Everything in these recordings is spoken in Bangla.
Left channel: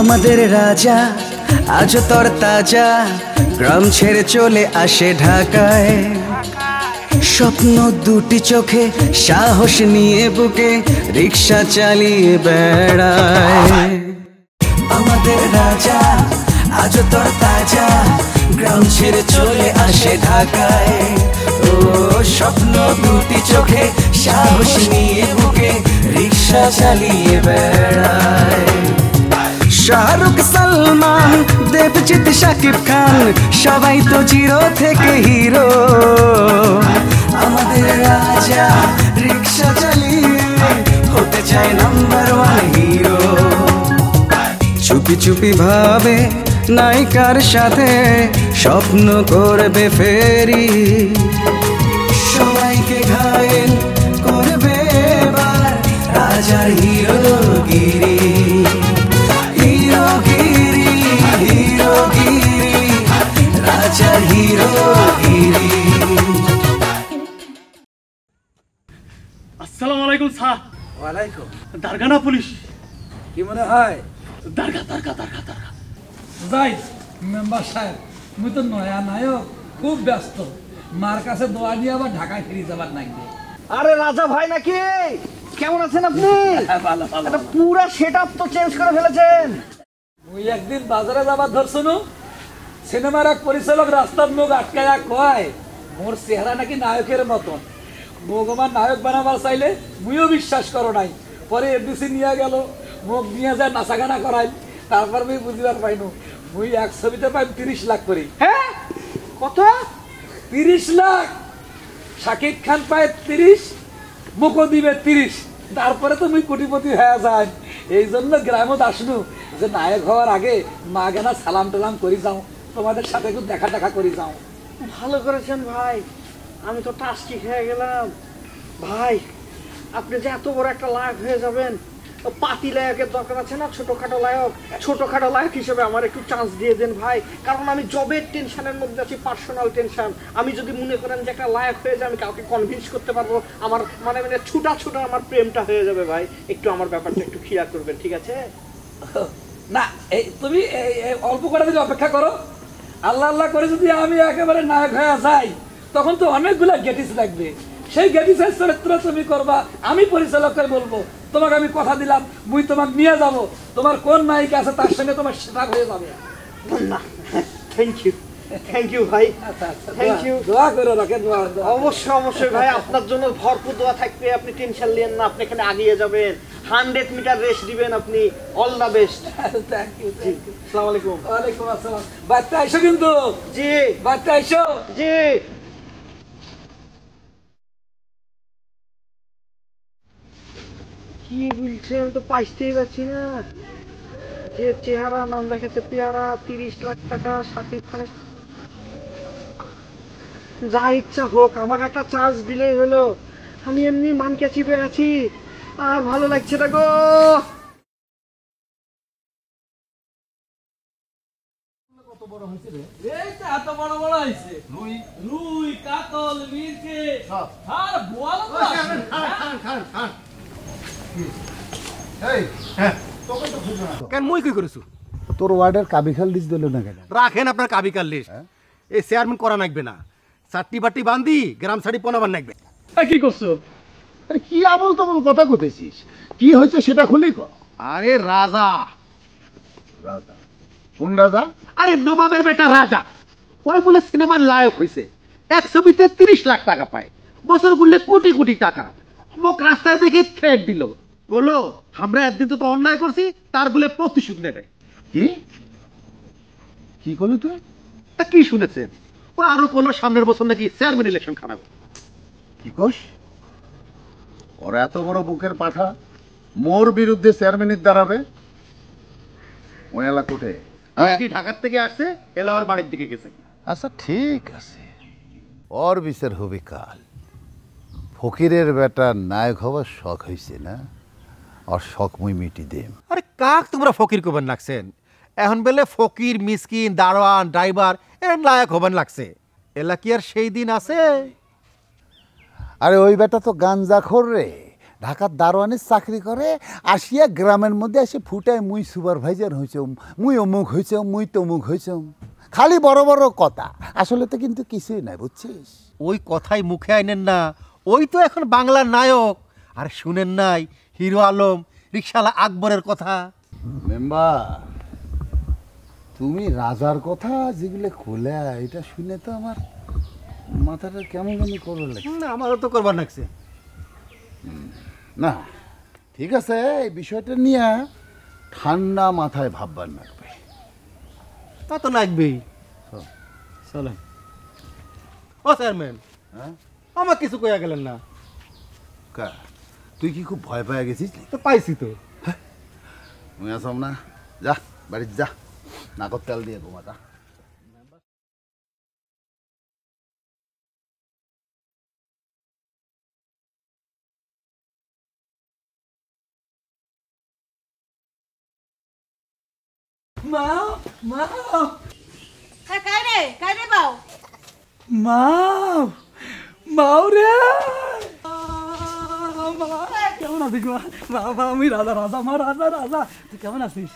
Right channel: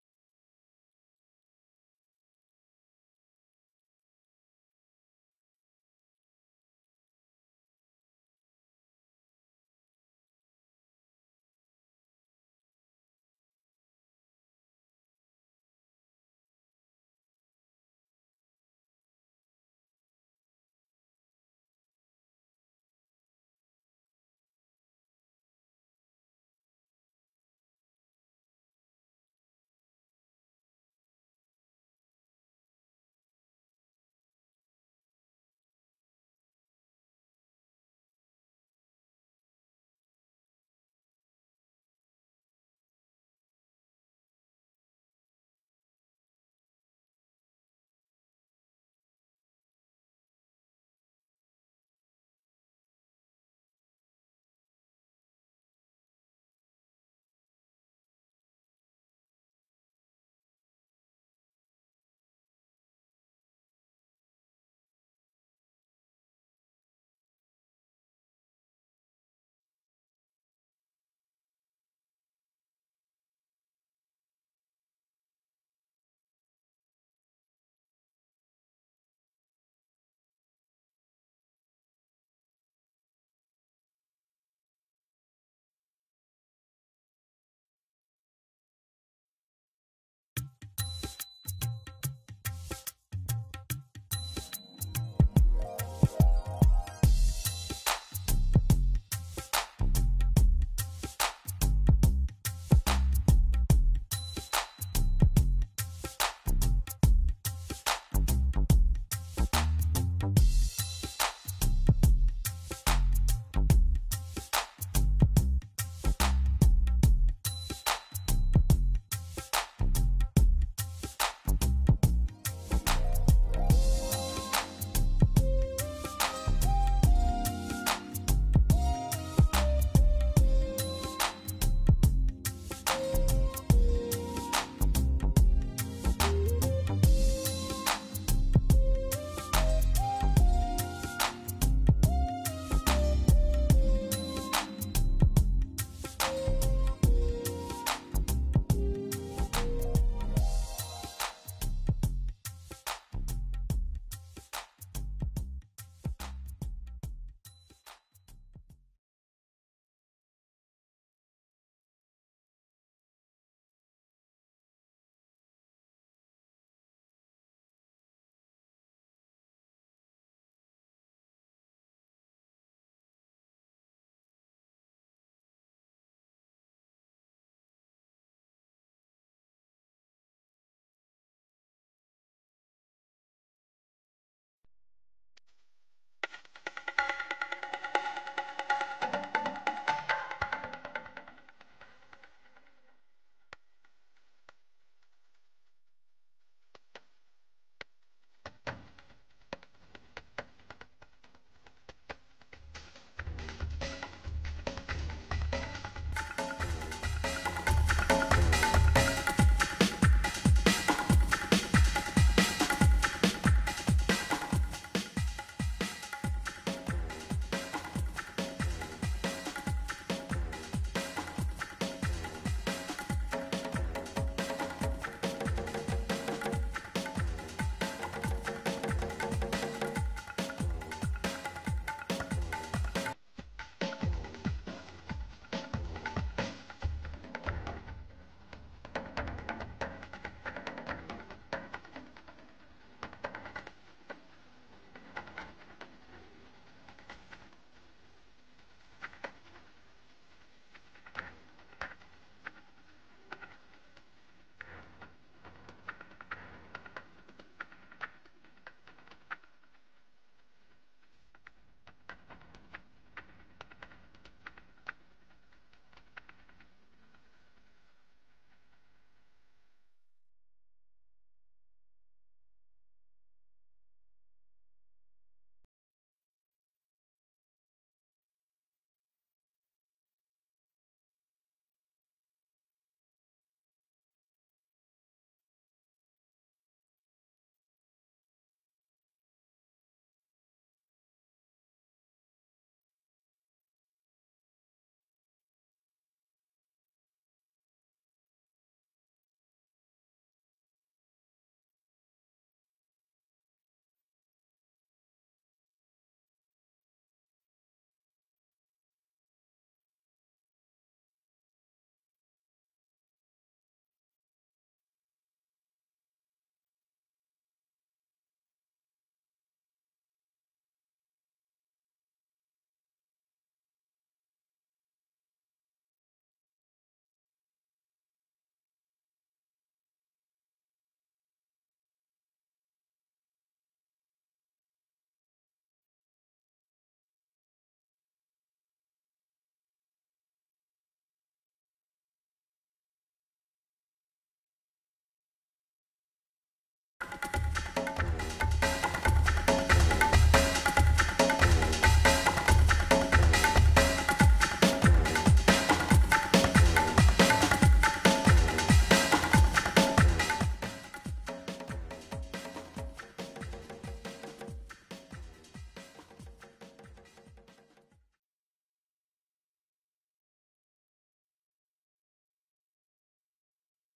আমাদের রাজা আজ তোর তাজা গ্রাম ছেড়ে চলে আসে ঢাকায় স্বপ্ন দুটি চোখে সাহস নিয়ে বুকে রিক্সা চালিয়ে বেড়ায় আমাদের রাজা আজ তোর তাজা গ্রাম ছেড়ে চলে আসে ঢাকায় ও স্বপ্ন দুটি চোখে সাহস নিয়ে বুকে রিক্সা চালিয়ে বেড়ায় শাহরুখ সালমান দেবজিৎ শাকিব খান সবাই তো জিরো থেকে হিরো আমাদের রাজা রিক্সা চালিয়ে হতে চায় নাম্বার ওয়ান হিরো চুপি চুপি ভাবে নায়িকার সাথে স্বপ্ন করবে ফেরি সবাইকে ঘায়েল করবে এবার রাজার হিরোগিরি হিরোগিরি হিরোগিরি রাজার হিরোগিরি। আসসালামু আলাইকুম স্যার। ওয়ালাইকুম। দারগানা পুলিশ কি মনে হয়? দারগা দারগা দারগা দারগা যাই মেম্বার সাহেব মুই তো নয়া নায়ক খুব ব্যস্ত মার কাছে দোয়া নিয়ে আবার ঢাকায় ফিরে যাবার নাকি। আরে রাজা ভাই নাকি? কেমন আছেন আপনি? ভালো ভালো এটা পুরো সেটআপ তো চেঞ্জ করে ফেলেছেন। মুই একদিন বাজারে যাবার ধরছনু সিনেমার এক পরিচালক রাস্তার মুখ আটকায়া কয় মোর চেহারা নাকি নায়কের মতন মুখ আমার নায়ক বানাবার চাইলে মুইও বিশ্বাস করো নাই পরে এফডিসি নিয়ে গেল মুখ নিয়ে যায় নাচা গানা করাই তারপর মুই বুঝবার পাইনু মুই এক ছবিতে পাই 30 লাখ করি। হ্যাঁ কত? 30 লাখ। শাকিব খান পায় 30 মুখো দিবে 30 তারপরে তো মুই কোটিপতি হয়ে যায়। এই জন্য গ্রামত আসনু যে নায়ক হওয়ার আগে মা গেনা সালাম টালাম করি যাও তোমাদের সাথে একটু দেখা দেখা করি যাও। ভালো করেছেন ভাই, আমি তো টাস্কি খেয়ে গেলাম। ভাই আপনি যে এত বড় একটা লায়ক হয়ে যাবেন, পাতি লায়কের দরকার আছে না, ছোটখাটো লায়ক। ছোটখাটো লায়ক হিসেবে আমার একটু চান্স দিয়ে দেন ভাই, কারণ আমি জবের টেনশনের মধ্যে আছি, পার্সোনাল টেনশন। আমি যদি মনে করেন যে একটা লায়ক হয়ে যায় আমি কাউকে কনভিন্স করতে পারবো, আমার মানে মানে ছুটা ছুটা আমার প্রেমটা হয়ে যাবে। ভাই একটু আমার ব্যাপারটা একটু খেয়াল করবেন, ঠিক আছে? না এই তুমি অল্প করে দিলে অপেক্ষা করো। আল্লাহ আল্লাহ করে যদি আমি একেবারে নায়ক হয়ে যাই তখন তো অনেকগুলা গেটিস লাগবে। সেই গেটিসের চরিত্র তুমি করবা, আমি পরিচালককে বলবো তোমাকে আমি কথা দিলাম মুই তোমাকে নিয়ে যাব, তোমার কোন নায়িকা আছে তার সঙ্গে তোমার সেটা হয়ে যাবে। না থ্যাংক ইউ ভাই, থ্যাংক ইউ। দোয়া করে রাখে, দোয়া। অবশ্যই অবশ্যই ভাই, আপনার জন্য ভরপুর দোয়া থাকবে। আপনি টেনশন নিয়েন না, আপনি এখানে আগিয়ে যাবেন, 100 মিটার রেস দিবেন আপনি। All the best. Thank you. আসসালামু আলাইকুম। ওয়ালাইকুম আসসালাম। বাচ্চা আইসো কিন্তু। জি বাচ্চা আইসো। জি। কি বলছেন তো পাইতেই পারছি না। যে চেহারা নাম দেখাতে পেয়ারা, 30 লাখ টাকা, শাকিব খানের। যা ইচ্ছা হোক, আমাকে একটা চার্জ দিলেই হলো। আমি এমনি মানকে চিপে আছি, আর ভালো লাগছে না গো। এত বড় বড় হইছে রুই কাতল মিরকে আর বোয়াল। কেন মই কি করেছো? তোর ওয়ার্ডের কাবিখাল লিস্ট গেল না কেন? রাখেন আপনার কাবিকার লিস্ট। এই চেয়ারম্যান করা নাকবে না, চারটি বাটি বান্ধি গ্রাম ছাড়ি পনাবার নাকবে। কি করছো? আরে কি আমল তমল কথা কইতেছিস? কি হয়েছে সেটা খুলেই কর। আরে রাজা। রাজা? কোন রাজা? আরে নবাবের বেটা রাজা। কয় বলে সিনেমার লায়ক হয়েছে, এক ছবিতে 30 লাখ টাকা পায়, বছর ঘুরলে কোটি কোটি টাকা। মোক রাস্তায় দেখে থ্রেট দিল, বললো আমরা একদিন তো অন্যায় করছি, তার বলে প্রতিশোধ নেবে। কি কি করলি তুই? তা কি শুনেছেন? ও আরো কোনো সামনের বছর নাকি চেয়ারম্যান ইলেকশন খারাপ। কি কোস? ওর এত বড় বুকের পাঠা মোর বিরুদ্ধে চেয়ারম্যানের দাঁড়াবে? ওই এলাকাতে ঢাকার থেকে আসছে, এলাকার বাড়ির দিকে গেছে। আচ্ছা ঠিক আছে, ওর বিচার হবে কাল। ফকিরের বেটা নায়ক হওয়ার শখ হয়েছে না, আর শখ মুই মিটি দেম। আরে কাক তোমরা ফকির কবেন লাগছেন? এখন বেলে ফকির মিসকিন দারোয়ান ড্রাইভার এর লায়ক হবেন লাগছে। এলা কি আর সেই দিন আছে? আরে ওই বেটা তো গাঞ্জাখোর রে, ঢাকার দারোয়ানের চাকরি করে, আসিয়া গ্রামের মধ্যে এসে ফুটায় মুই সুপারভাইজার হয়েছম, মুই অমুক হয়েছম, মুই তমুক হয়েছম। খালি বড় বড় কথা, আসলে তো কিন্তু কিছুই নাই, বুঝছিস? ওই কথাই মুখে আইনেন না, ওই তো এখন বাংলার নায়ক। আর শুনেন নাই হিরো আলম রিকশালা আকবরের কথা? মেম্বার, তুমি রাজার কথা যেগুলো খোলা, এটা শুনে তো আমার মাথাটা কেমন জানি করবে লাগে। না, আমারও তো করবার লাগছে। না ঠিক আছে, এই বিষয়টা নিয়ে ঠান্ডা মাথায় ভাববার লাগবে। তা তো লাগবেই। চলেন। ও চেয়ারম্যান, হ্যাঁ আমার কিছু কইয়া গেলেন না? কা, তুই কি খুব ভয় পেয়ে গেছিস? তো পাইছি তো। মুই আসাম না, যা বাড়িতে যা, নাকত তেল দিয়ে ঘুমা যা। মা মা হ্যাঁ কাই রে বাও মা মাও রে কেমন আছিস মা? বাবা আমি রাজা রাজা মা রাজা রাজা, তুই কেমন আছিস?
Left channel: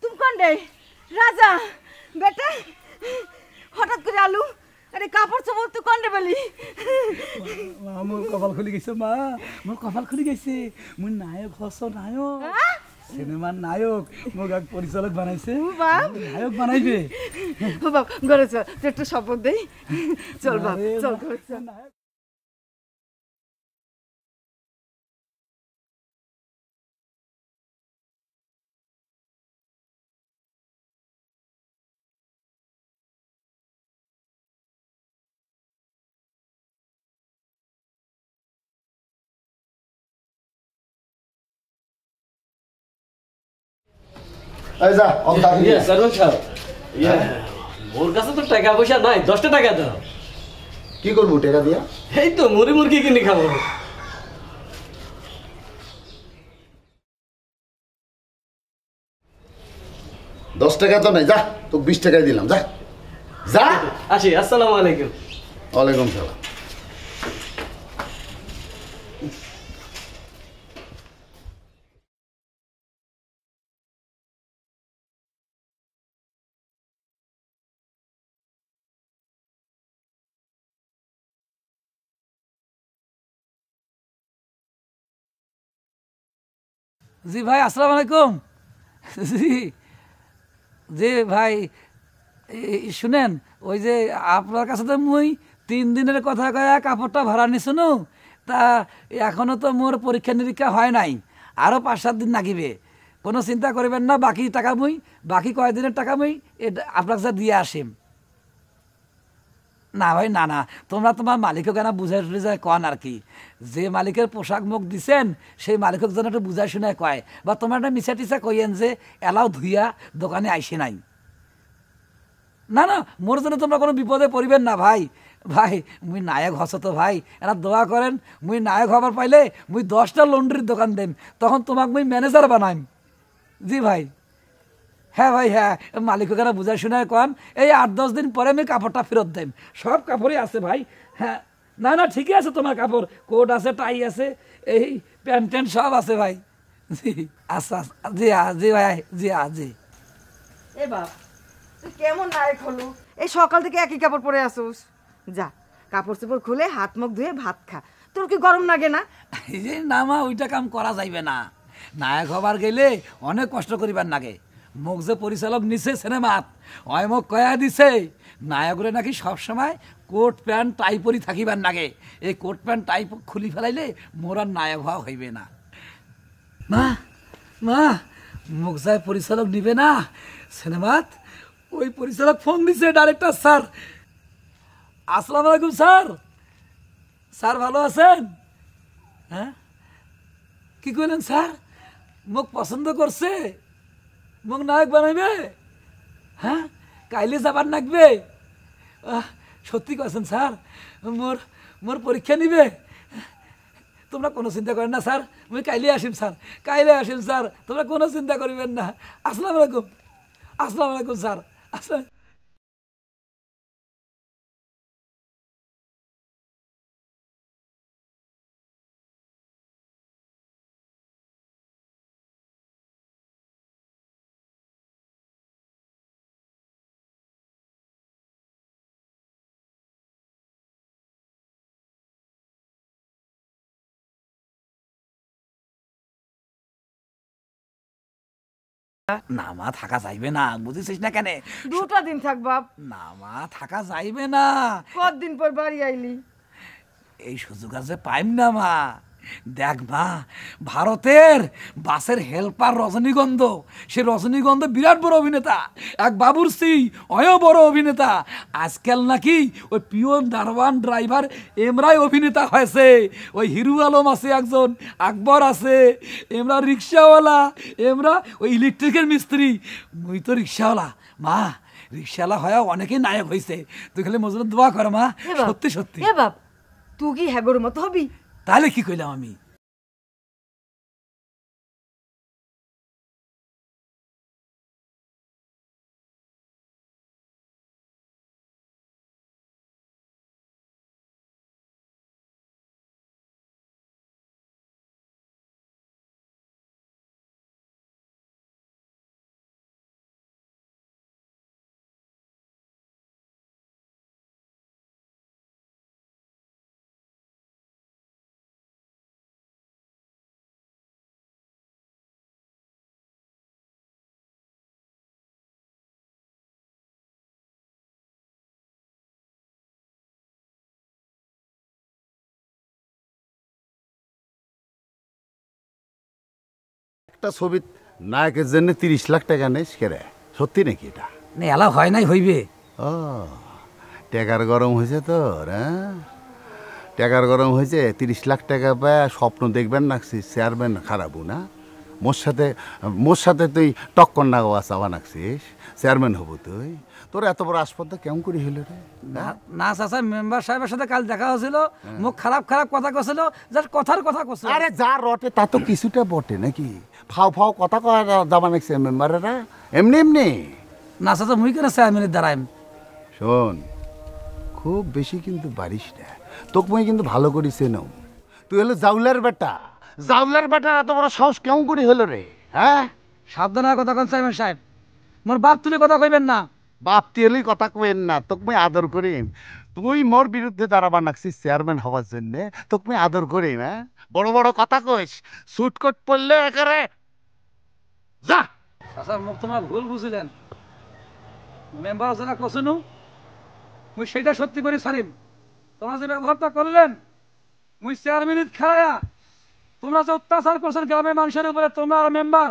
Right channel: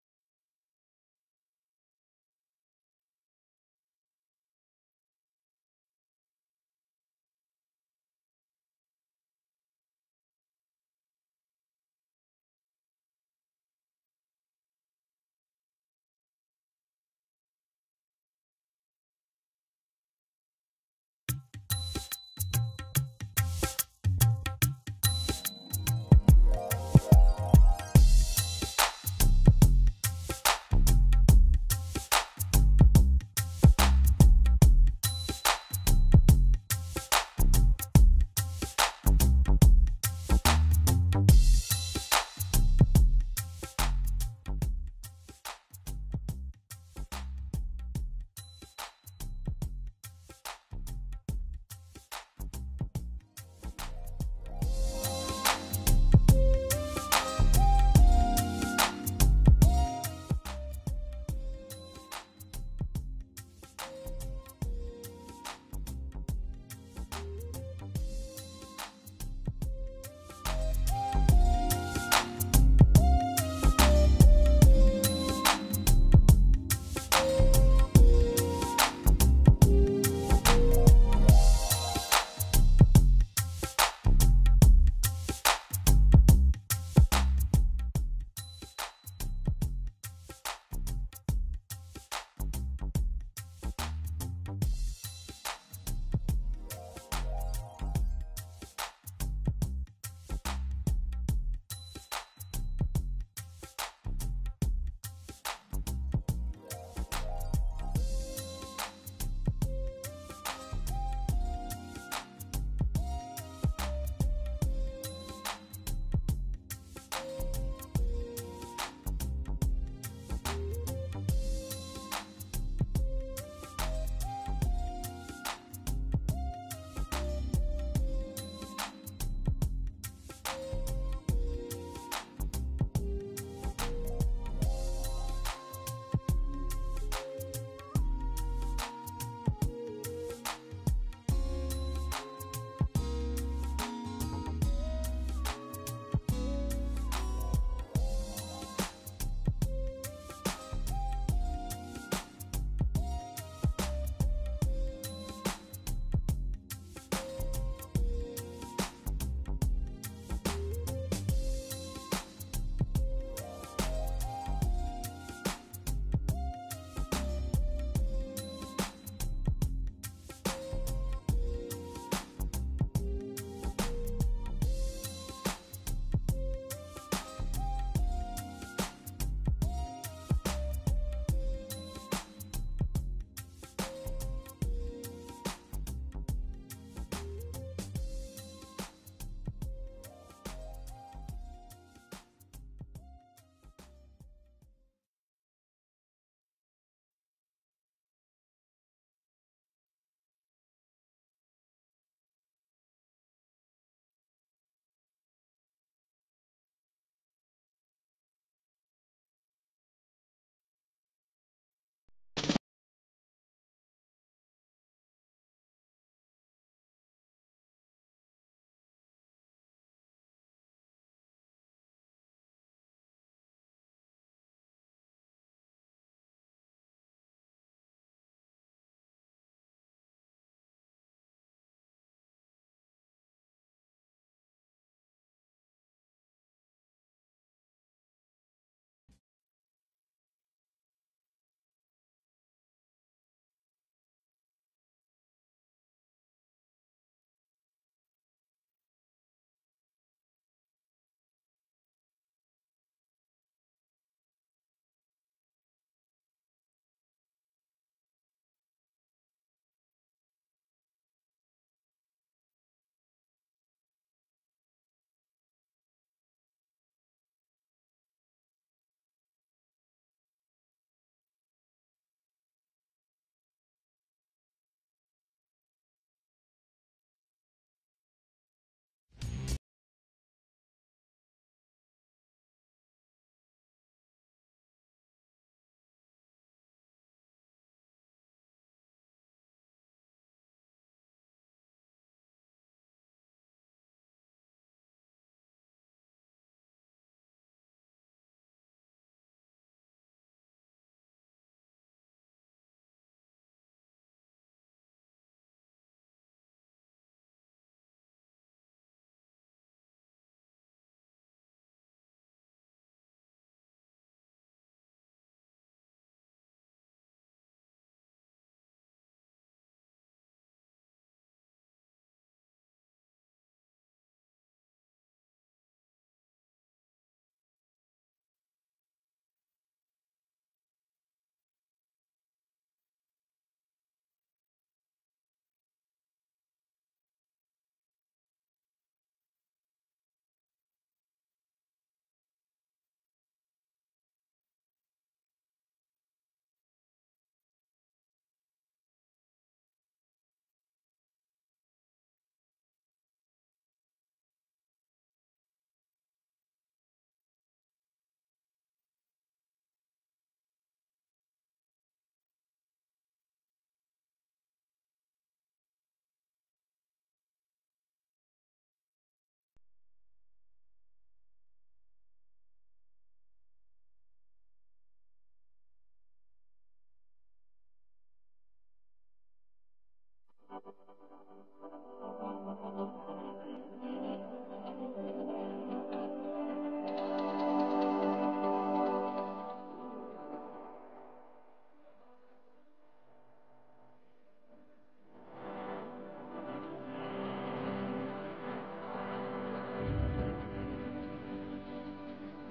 তুমি কোন রে রাজা বেটা হঠাৎ করে আলু আরে কাপড় চোপড় তুই কোন রে বলি মা মোর কপাল খুলি গেছে, মা মোর কপাল খুলি গেছে। মোর নায়ক হস, নায়ক সিনেমার নায়ক। মোক এক পরিচালক বানাইছে, বাপ নায়ক বানাইবে। ও বাপ ঘরে চল তুই একটু শপথ দেই। চল বাপ আরে চল বাপ। ঘরে চল। এই যা, অন টাকা দিয়ে। ওর কাছে তো টাকা পয়সা নাই, 10টা টাকা দাও। কি করবো টাকা দিয়া? এই তো মুড়ি মুরগি কিনে খাবো। 10 টাকা তো নাই, যা তোকে 20 টাকাই দিলাম, যা যা। আসি, আসসালামু আলাইকুম। ওয়ালাইকুম সালাম। জি ভাই আসসালামু আলাইকুম। জি জি ভাই শুনেন, ওই যে আপনার কাছে তো মুই 3 দিনের কথা কয়া কাপড়টা ভাড়া নিশুনু, তা এখনো তো মোর পরীক্ষা নিরীক্ষা হয় নাই, আরো 5-7 দিন লাগিবে। কোনো চিন্তা করবেন না, বাকি টাকা মুই, বাকি কয়দিনের টাকা মুই আপনার কাছে দিয়ে আসিম। না ভাই না না, তোমরা তোমার মালিকও কেন বুঝাই টুঝাই কন আর কি। যে মালিকের পোশাক মুখ দিছেন সেই মালিকের জন্য একটু বুঝাই শুনায় কয়, বা তোমরা একটা মিছা টিচা কইয়েন যে এলাও ধুইয়া দোকানে আইসে নাই। না না, মোর জন্য তোমরা কোনো বিপদে পড়িবেন না ভাই। ভাই মুই নায়ক হস তো ভাই, এরা দোয়া করেন মুই নায়ক হবার পাইলে মুই 10টা লন্ড্রির দোকান দেম, তখন তোমাকে মুই ম্যানেজার বানাইম। জি ভাই, হ্যাঁ ভাই হ্যাঁ, মালিক ওখানে বুঝাই শোনায় কন, এই 8-10 দিন পরে আমি কাপড়টা ফেরত দেম। সব কাপড়ই আছে ভাই। হ্যাঁ না না ঠিকই আছে, তোমার কাপড় কোট আছে, টাই আছে, এই প্যান্ট ট্যান্ট সব আছে ভাই। জি আচ্ছা জি জি ভাই জি জি। এ বাপ তুই কেমন নায়ক হলো, এই সকাল থেকে একই কাপড় পরে আসুস। যা কাপড় চোপড় খুলে হাত মুখ ধুয়ে ভাত খা, তোর কি গরম লাগে না? এই যে না মা, ওইটা কাম করা যাইবে না। নায়ক হবার গেলে অনেক কষ্ট করিবার লাগে। মোক যে পরিচালক নিছে সিনেমাত, অয় মোক কয়া দিছে নায়করে নাকি সবসময় কোট প্যান্ট টাই পরি থাকিবার লাগে। এই কোট প্যান্ট টাই খুলি ফেলাইলে মোর আর নায়ক হওয়া হইবে না। মা মা, মোক যায় পরিচালক নিবে না সিনেমাত, ওই পরিচালক ফোন দিছে ডাইরেক্টর স্যার। আসসালামু আলাইকুম স্যার। স্যার ভালো আছেন? হ্যাঁ কি কইলেন স্যার? মোক পছন্দ করছে, মোক নায়ক বানাইবে? হ্যাঁ কাইলে যাবার লাগবে? সত্যি কইছেন স্যার? মোর মোর পরীক্ষা নিবে? তোমরা কোনো চিন্তা করেন না স্যার, আমি কাইলে আসিম স্যার, কাইলে আসিম স্যার, তোমরা কোনো চিন্তা করিবেন না। আসসালামু আলাইকুম। আসসালামু আলাইকুম স্যার। আসসালাম। না মা থাকা যাইবে না, বুঝেছিস না কেন? 2টা দিন থাক বাপ। না মা থাকা যাইবে না। কতদিন পর বাড়ি আইলি? এই সুযোগ আছে পাইম না মা। দেখ মা, ভারতের বাসের হেল্পার রজনীগন্ধ, সে রজনীগন্ধ বিরাট বড় অভিনেতা, এক বাবুরসি অয় বড় অভিনেতা। আজকাল নাকি ওই পিয়ন দারওয়ান ড্রাইভার এমরাই অভিনেতা হয়েছে। ওই হিরু আলম আছে একজন, আকবর আছে, এমরা রিক্সাওয়ালা, এমরা ওই ইলেকট্রিকের মিস্ত্রি, মুই তো রিক্সাওয়ালা। মা রিক্সাওয়ালা হয়ে অনেকেই নায়ক হয়েছে, তুই খালি মজুর দোয়া কর মা। সত্যি সত্যি। এ বাপ, তুই কি হ্যাগোর মতো হবি? তাহলে কি কইলাম আমি? একটা ছবি নায়কের জন্য 30 লাখ টাকা নেস কেরে? সত্যি নাকি এটা? না এলা হয় নাই হইবে। ও টাকার গরম হয়েছে তোর, হ্যাঁ? টাকার গরম হয়েছে, 30 লাখ টাকা পায় স্বপ্ন দেখবেন নাকছিস চেয়ারম্যান খারাপও না? মোর সাথে তুই টক্কর না গোয়া চাওয়া নাকছিস, চেয়ারম্যান হবো তুই? তোর এত বড় আসপদ্দা কেমন করে হইল রে? না চাচা, মেম্বার সাহেবের সাথে কাল দেখা হয়েছিল, মুখ খারাপ খারাপ কথা কছিল, যার কথার কথা কছিল। আরে যা রটে তা তো কিছুটা বটে নাকি? ফাও ফাও কথা কয়া যাবা নাকছে মেম্বারেরা এমনি এমনি? না চাচা, মুই কেন চেয়ারম্যানের দ্বারাই। শোন, খুব বেশি কিন্তু বাড়িস না, তোকে মুই কিন্তু ভালো করি চেনম। তুই হলো জাউলার বেটা, জাউলার বেটা এত বড় সাহস কেমন করে হলো রে? হ্যাঁ, সাবধানে কথা কোন চেয়ারম্যান সাহেব, মোর বাপ তুলে কথা কইবেন না। বাপ তুই কথা কইেন না, তোকে মুই আদর করি। তুই মোর বিরুদ্ধে দাঁড়াবা নাকছিস চেয়ারম্যান হওয়ার জন্যে, তোকে মুই আদর করি না? বড় বড় কথা কইস, সুট কোট পরলে একেবারে যা। চাচা মুখ তোমার ভুল বুঝিলেন, মেম্বার যারা কছিল মুই সেটা সত্যি করে ছাড়িম। তোমরা যে ব্যবহারটা করলেন, মুই চেয়ারম্যানিত খেলায়া তোমরা যে অত্যাচার করছেন গ্রামের মানুষের উপরে, তোমরা আর মেম্বার,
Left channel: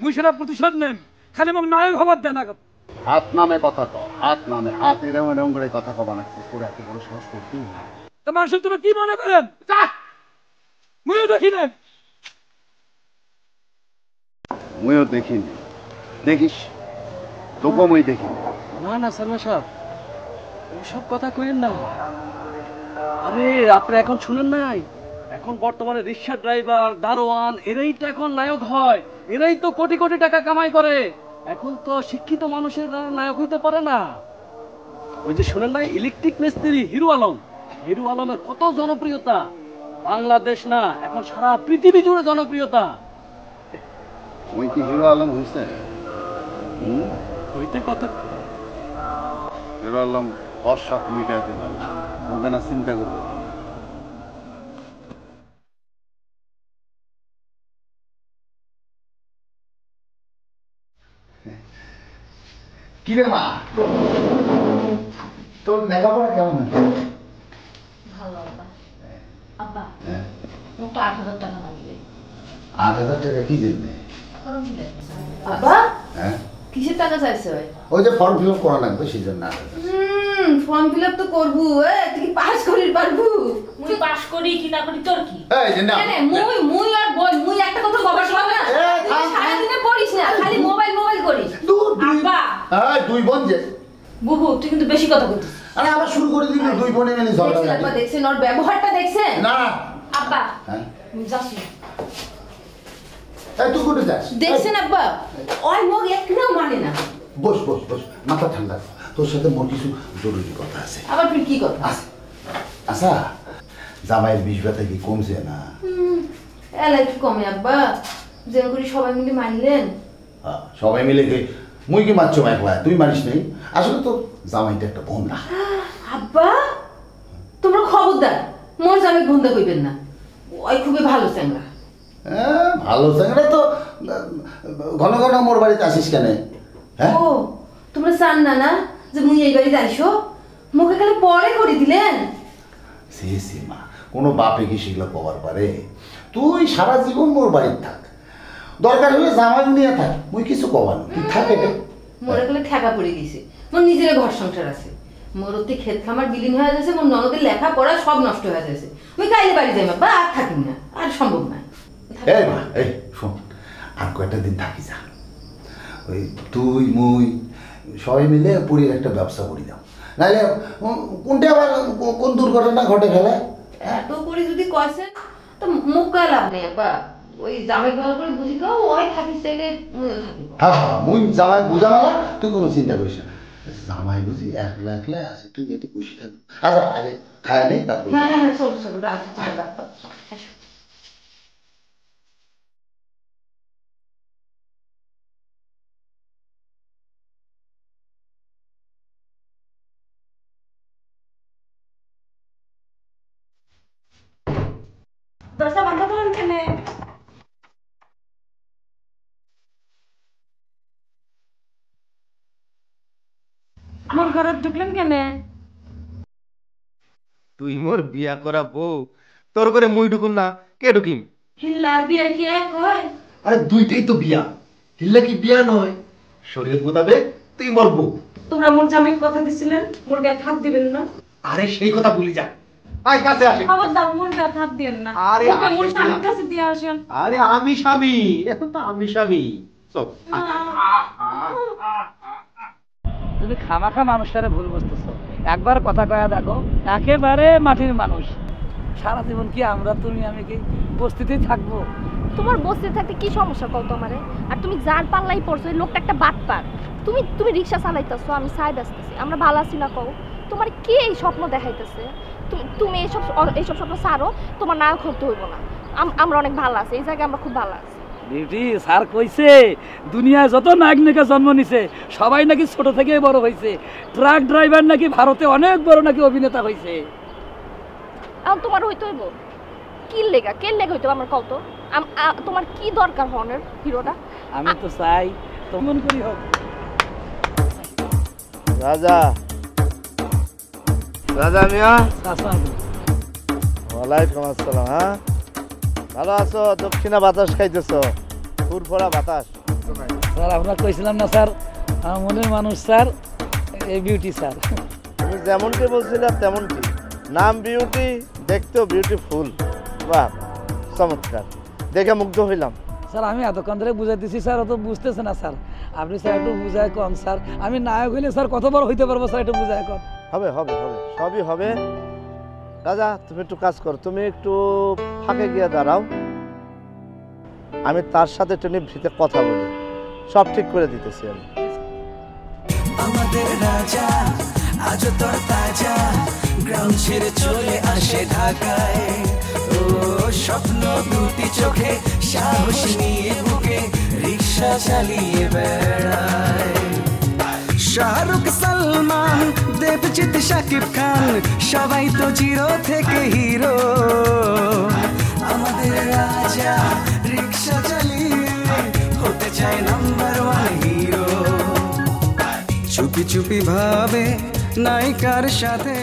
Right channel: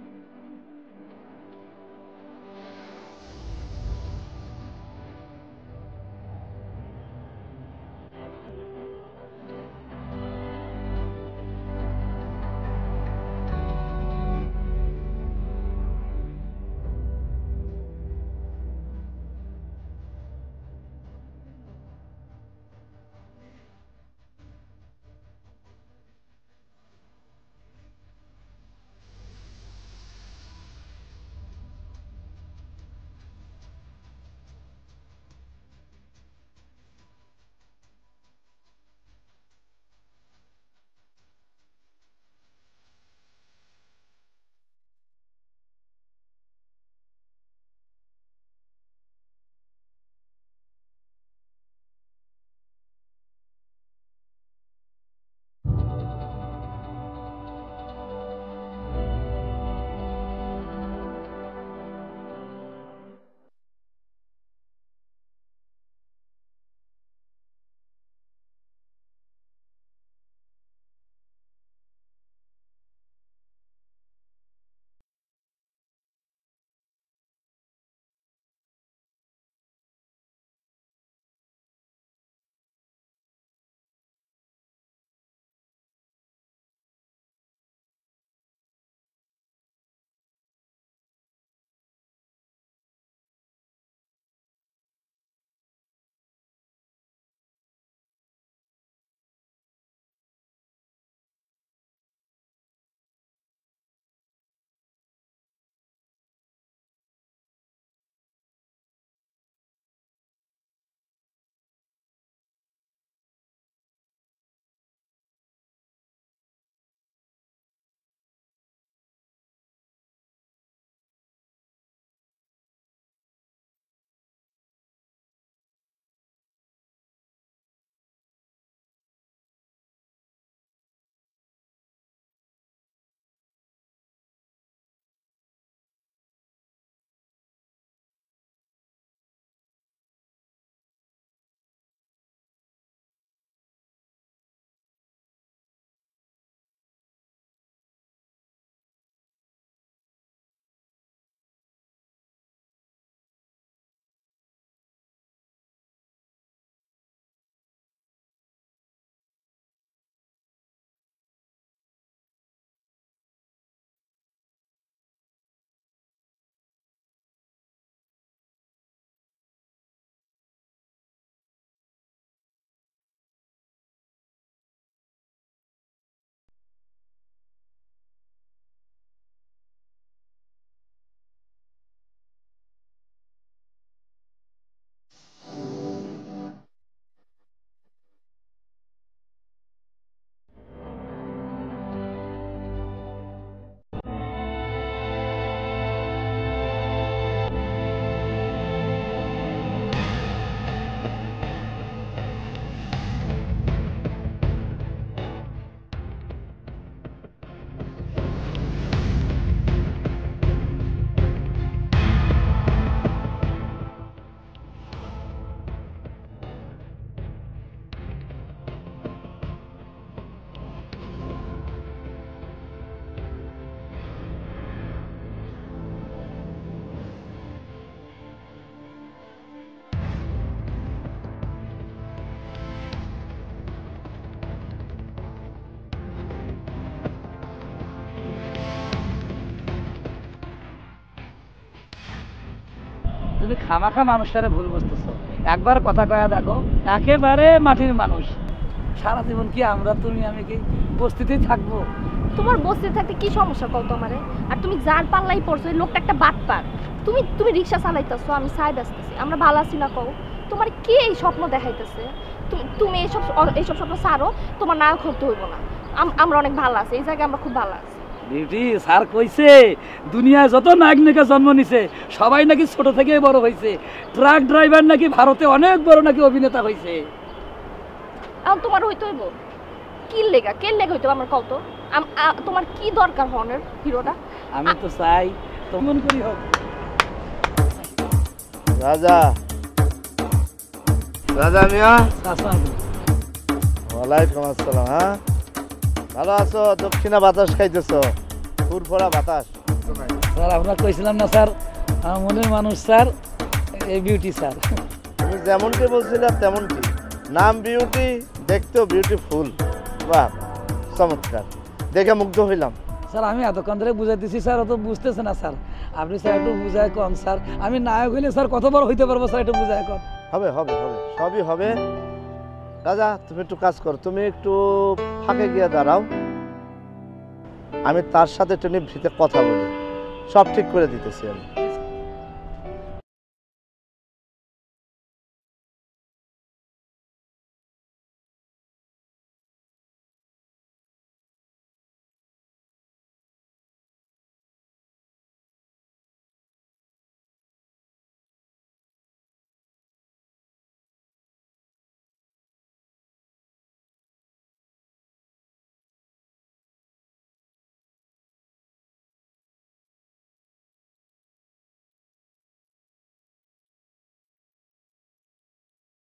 মুই সেটা প্রতিশোধ নেন। খালি মোক নায়ক হবার দেন না। হাত নামে কথা কও, হাত নামে, হাত এরম এরম করে কথা কবা নাকছিস, তোর এত বড় সাহস করতি? তো মানুষ তুমি কি মনে করেন? মুইও দেখি না। মুইও দেখিনি, দেখিস তোকে মুই দেখি। না না সালমা সাহেব, ওইসব কথা কইেন না। আরে আপনি এখন শুনেন নাই, এখন বর্তমানে রিক্সা ড্রাইভার, দারোয়ান, এরাই তো এখন নায়ক হয়, এরাই তো কোটি কোটি টাকা কামাই করে। এখন তো শিক্ষিত মানুষের নায়ক হইতে পারে না। ওই যে শুনেন নাই, ইলেকট্রিক মিস্ত্রি হিরু আলম, হিরু আলমের কত জনপ্রিয়তা, বাংলাদেশ না এখন সারা পৃথিবী জুড়ে জনপ্রিয়তা। ওই কি হিরো আলম হয়েছে? হইতে কথা হিরো আলম বর্ষা মিটাতে পারে, ওদের না চিন্তা করবে। কি রে মা, তোর লেখাপড়া কেমন? ভালো আব্বা। আব্বা, মোট 8,000 টাকা লাগবে। 8,000 টাকা কি জন্যে? আব্বা, হ্যাঁ, কিসের টাকা চাইছে? ওই যে ফর্ম ফিল আপ করা লাগবে সেই জন্য। ফর্ম ফিল আপ তো করবো। তুই কি পাস করির পারবু? মুই পাস করি কি না করি তোর কি? এই যে না, মুই আর বল, মুই একটা কথা কবার পারবো না। সারা দিনে পড়িস না, খালি মোবাইল করিস। আব্বা, এই দুই বোন যে, বুবু তুই কিন্তু বেশি কথা বলছিস। আরে আবার শুরু করে দিবি দুই বোনে মিলে ঝগড়া দেখছেন আব্বা, দেখছেন ওর ব্যবহারটা দেখছেন? না আব্বা, হ্যাঁ, যাস না। এই তুই কোথায় যাস? দেখছেন আব্বা, ওই মুখ একটাও মানে না। বস বস বস, মাথা ঠান্ডা কর, তোর সাথে মোর কিছু জরুরি কথা আছে। আবার তুই কি কথা? আচ্ছা, জামাইয়ের বিষ ব্যথা কি কমছে না? এলাই কি কমে আব্বা, যেন করে সবাই মিলে মানলেন। সবাই মিলে মুই কি মারছো একলা, তুই মারিস নাই? আসলে তো জামাইটা একটা বন্ধা। আব্বা তোমরা খবরদার মোর জামাই বন্ধা কইবেন না, ওই খুবই ভালো চ্যাংরা। হ্যাঁ, ভালো চ্যাংরা তো ঘন ঘন মোর বাড়িতে আসিস কেন? হ্যাঁ ও তোমরা চান না না যে মুই এই বাড়িতে আইসো? মুখে খালি পরে করে দিলেন। সে মা, কোনো বাপে কি সেগুলো কবার পারে? তুই সারা জীবন মোর বাড়িতে থাক, দরকার হলে জামাই নিয়ে থাক, মুই কিছু কবার না, তুই থাক। এটা মোর এগুলো ঠেকা পড়ে গেছে, মোর নিজের ঘর সংসার আছে, মোর ওতে ক্ষেত খামার বিলীন হয়ে যাচ্ছে, মোর ননদের লেখা পড়া সব নষ্ট হয়ে যাচ্ছে। মুই কাইলে বাড়ি যাই বা আর থাকি না, আর সম্ভব না। এই মা, এই শোন, আর কয়েকটা দিন থাকি যা, ওই তুই মুই সবাই মিলে পুরীর একটা ব্যবসা করি দাও, নাহলে কোনটা আবার কোন দুর্ঘটনা ঘটে ফেলে। এত করে যদি কয়েছেন তো মুখ গায়ে লাভ নেই বা ওই জামাই ভালো করে বুঝি গাও, ওই থাকিস চাইলে হ্যাঁ হ্যাঁ, মুই জামাই বুঝানো না, তুই কোনো চিন্তা করিস না। জামাই বুঝি একলা একলা আছে, তুই কিন্তু খুশি থাকবি। আচ্ছা আগে খায় নেই, তারপর হ্যাঁ হ্যাঁ চলো চলো রাখো। দরজা বন্ধ করুন কেন? মোর ঘরে ঢুকলেন কেন? তুই মোর বিয়া করা বউ, তোর করে মুই ঢুকুম না, কে ঢুকিম? হিল্লা বিয়ে কি এক হয়? আরে দুইটাই তো বিয়া, হিল্লা কি বিয়া নয়? শরীর মোতাবেক তুই মোর বউ। তোমরা মোর জামাইকে কথা দিছিলেন মোর গায়ে হাত দিবেন না। আরে সেই কথা ভুলি যা, আয় কাছে আসে। খবরদার মোর গায়ে হাত দিবেন না। আরে মোর স্বামীর কাছে দিয়ে আসেন। আরে আমি স্বামী, এখন তো আমি স্বামী। চল। তুমি খামাখা মানুষটারে ভুল বুঝতেছো। একবার কথা কয়া দেখো, একেবারে মাটির মানুষ। সারা জীবন কি আমরা তুমি আমি কি বস্তিতেই থাকবো? তোমার বসতে থাকতে কি সমস্যা কও তোমারে? আর তুমি যার পাল্লাই পড়ছো, এই লোকটা একটা বাটপার। তুমি রিকশা চালাইতেছো, আমি সাইড আসতেছি, আমরা ভালো আছি না কও? তোমার কি এই স্বপ্ন দেখাইতেছে? তুমি এইসব স্বপ্ন ছাড়ো, তোমার নায়ক হতে হইব না। আমরা অনেক ভালো আছি, এই জায়গায় আমরা খুব ভালো আছি। বিউটি স্যার কইছে দুনিয়ায় যত নায়ক নায়িকা জন্ম নিছে সবাই নাকি ছোট থেকে বড় হয়েছে। ট্রাক ড্রাইভার নাকি ভারতে অনেক বড় নাকি অভিনেতা হয়েছে। এখন তোমার হইতে হইব কি লেগা? কে লেগা হইতে আমার কত? তোমার কি দরকার হনের হিরোটা? আমি তো চাই তোমার করি হোক। রাজা রাজা মিয়া, ওয়ালাইকুম আসসালাম। হ্যাঁ ভালো আছো? দক্ষিণা বাতাস খাইতেছো, ফুরফোরা বাতাস। স্যার আমরা কইছিলাম না স্যার, আমার মনের মানুষ স্যার, এই বিউটি স্যার। তুমি যেমনটি বলছিলাম তেমনটি, নাম বিউটি, দেখতেও বিউটিফুল। বাহ চমৎকার, দেখে মুগ্ধ হইলাম। স্যার আমি এতক্ষণ ধরে বুঝাইতেছি স্যার, অত বুঝতেছে না স্যার। আপনি স্যার একটু বুঝায় কম স্যার। আমি নায়ক হইলে স্যার কত বড় হইতে পারবো স্যার, একটু বুঝায় কম। হবে হবে হবে, সবই হবে। রাজা তুমি একটু কাজ করো, তুমি একটু ফাঁকে গিয়ে দাঁড়াও, আমি তার সাথে একটু নিভৃতে কথা বলি, সব ঠিক করে দিতেছি আমি। আমাদের রাজা আজ তোর তাজা, গ্রাম ছেড়ে চলে আসে ঢাকায়। ও স্বপ্ন দুটি চোখে, সাহস নিয়ে বুকে রিক্সা চালিয়ে বেড়ায়। শাহরুখ, সালমান, দেবজিৎ, শাকিব খান, সবাই তো জিরো থেকে হিরো। আমাদের রাজা রিক্সা চালিয়ে হতে চায় নাম্বার 1 হিরো। চুপি চুপি ভাবে নায়িকার সাথে